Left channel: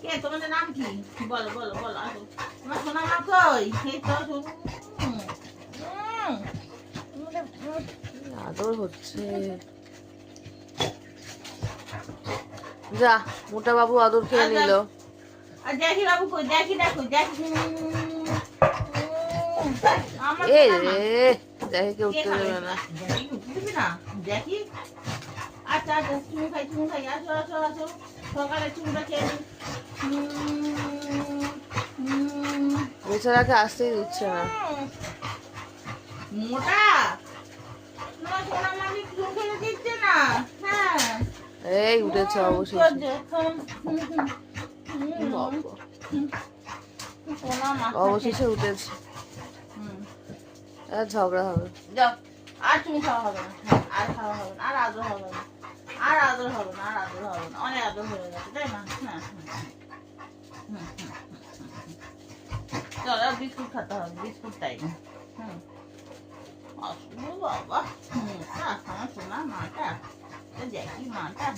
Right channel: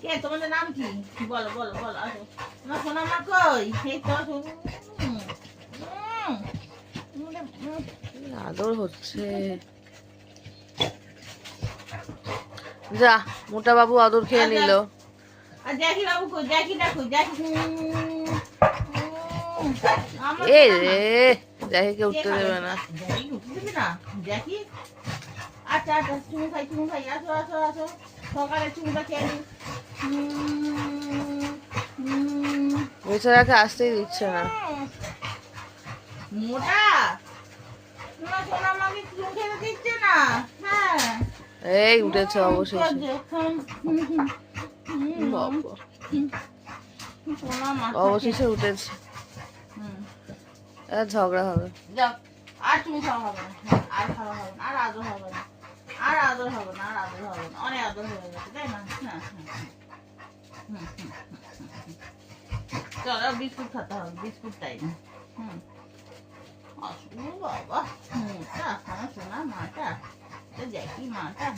কে তোমাদের নাম কি? বলো বলো বলো, আসো। আমার সোনা মা কই? এই তো আদর হচ্ছে। যা মোটা বাবু আদর খেয়ে নিল। আর জ্যাকি বাবু কই? জ্যাকি দেখো, জ্যাকি আমার এ সোনা মা। রে জ্যাকিকে কে উঠতে খাবে? দেবে না। জ্যাকি উঠতে দিবি না? জ্যাকি আচ্ছা আচ্ছা, চুমু খাই চুমু খাই, আসো আসো আসো, সকালে চুমুটা খেয়ে নি। বেচারাকে আসতেই দিচ্ছে না। মোটা না, সোনা মামি চুমু খেতে দিচ্ছে না। হ্যাঁ এই উঠেছে অবশেষে। বাবা, সোনা মা অবশেষে উঠেছে। আর ঝগড়া হবে। যাও, আর তুমি খাওয়া হবে না, আর খাওয়া হবে না, আর আদর হবে না, আর আদর হবে না, আর আদর হবে না, অনেক আদর হয়ে গেছে তাই না? চলো বিস্কুট খেতে হবে, বিস্কুট টাইম। আসলে বাবা মোটা, হ্যাঁ সোনা মাটা, জ্যাকি মাটা।